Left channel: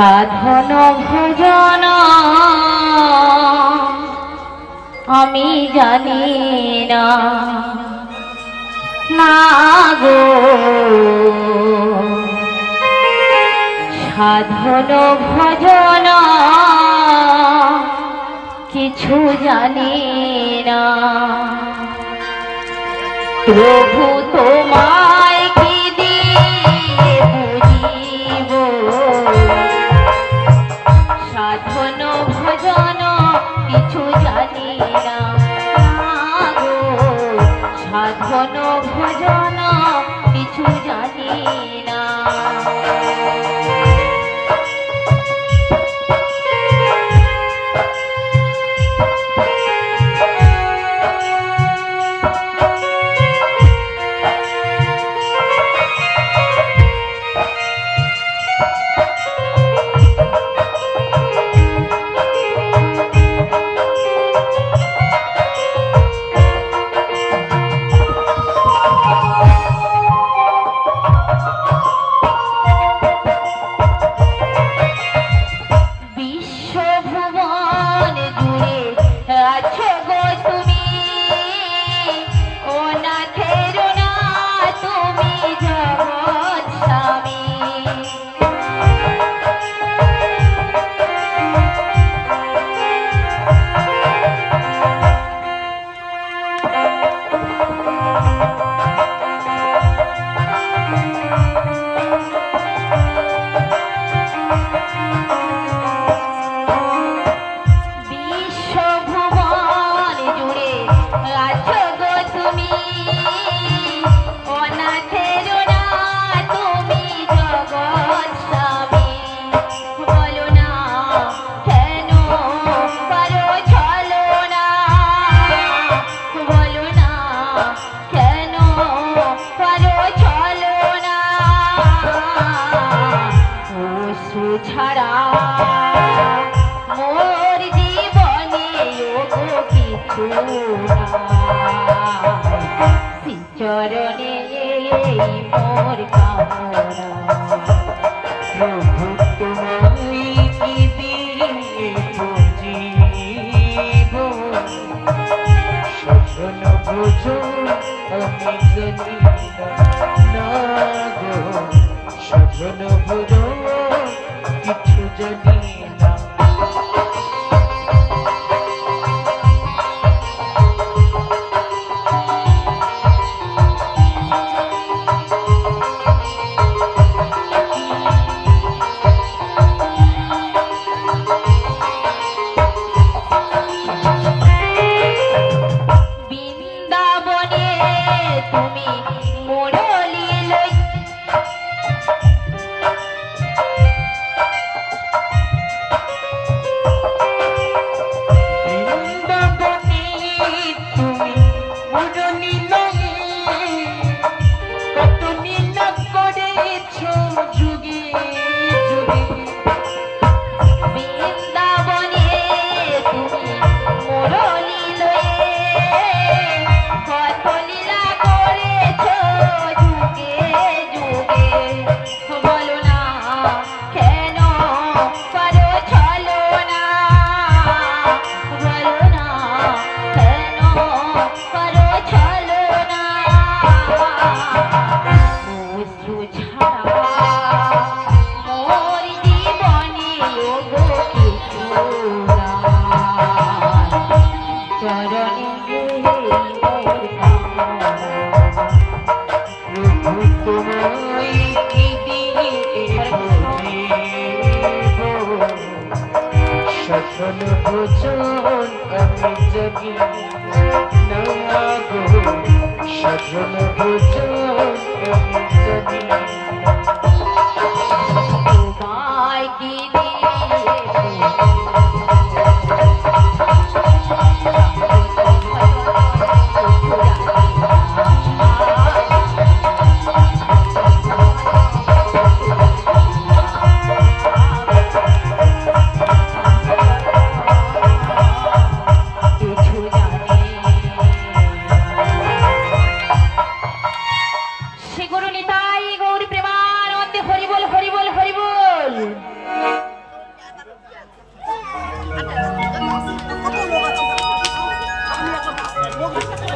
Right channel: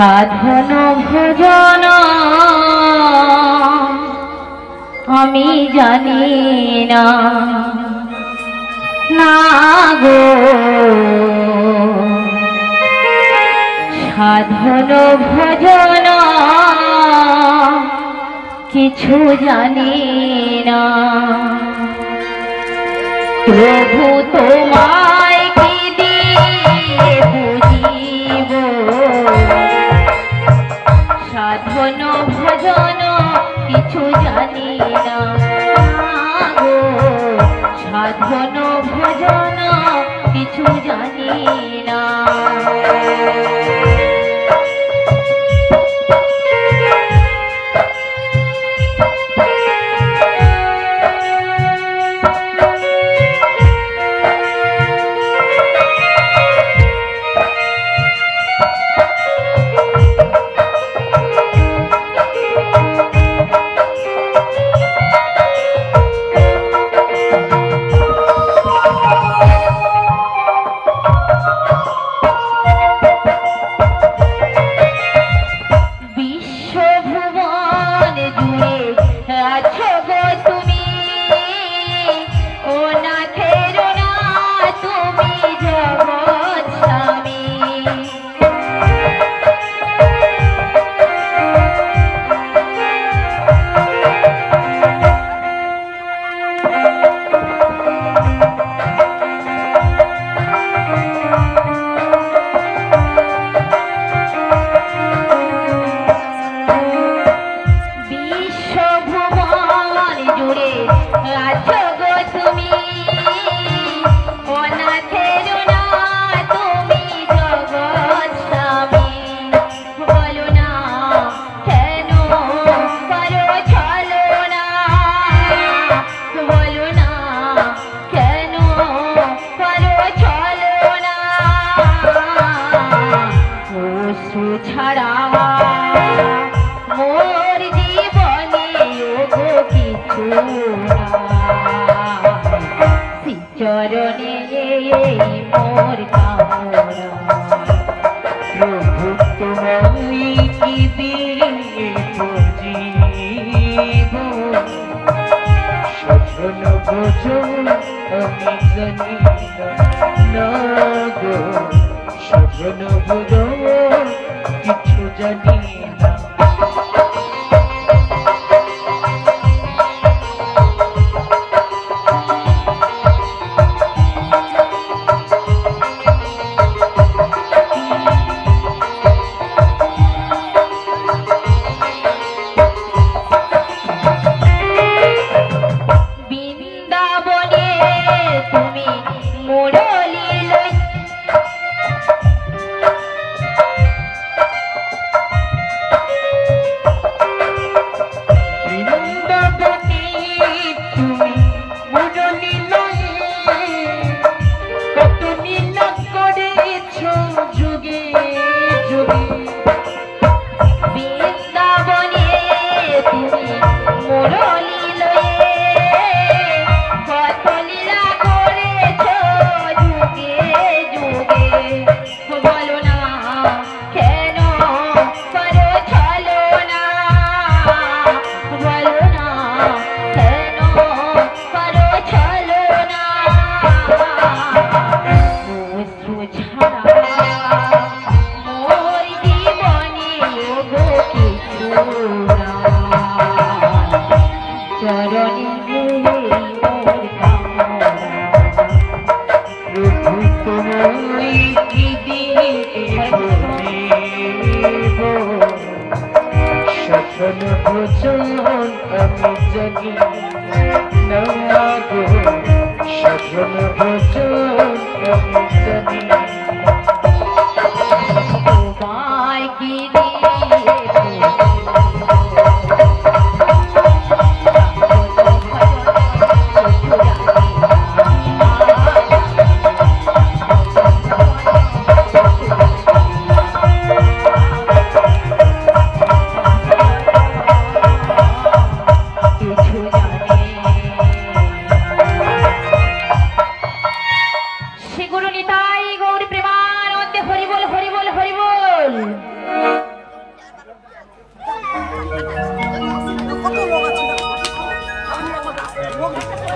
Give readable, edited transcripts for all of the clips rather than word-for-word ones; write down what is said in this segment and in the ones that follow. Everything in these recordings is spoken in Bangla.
সাধন ভজন আমি জানি না না গো সাধন ভজন কিছু জানি না প্রভু তোমায় কি দিয়ে বুঝিব সাধন ভজন কিছু জানি না গো সাধন ভজন কিছু জানি না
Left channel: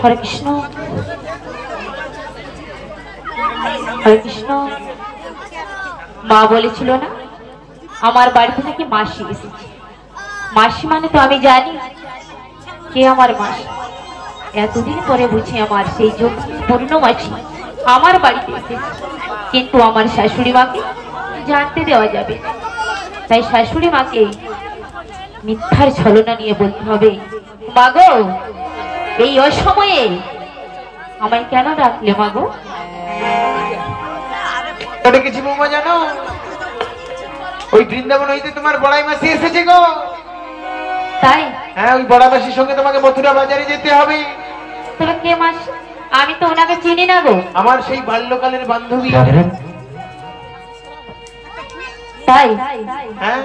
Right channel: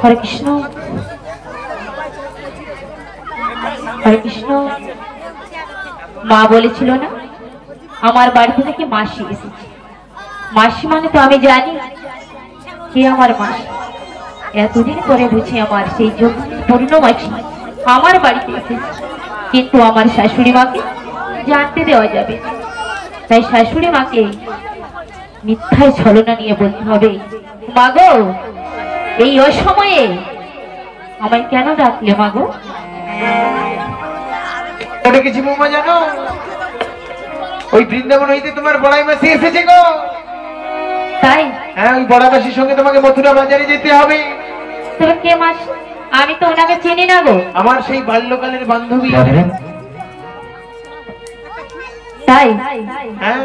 হরে কৃষ্ণ, হরে কৃষ্ণ। মা বলেছিল না আমার বাড়িতে নাকি মাসি এসেছে। মাসি মানে তো আমি জানি কি আমার মাসি। এতদিন পরে বুঝি আমার সেই পূর্ণ মাসি আমার বাড়িতে এসেছে, কিন্তু আমার শাশুড়ি মাকে জানতে দেওয়া যাবে। তাই শাশুড়ি মাকে মিথ্যায় ছলনা নিয়ে বলতে হবে, মা গো এই অসময়ে আমার কেন ডাকলে মা গো? ওটা কিছু বৌমা জানো, ওই বৃন্দাবন হইতে তোমার বড়াই মাসি এসেছে গো। তাই? হ্যাঁ, ওই বড়াই মাসির সঙ্গে তোমাকে মথুরা বাজারে যেতে হবে। তোরা কে মাসি? আমি তো ওনাকে চিনি না গো। আমার সেই বাল্যকালের বান্ধবী। তাই? হ্যাঁ,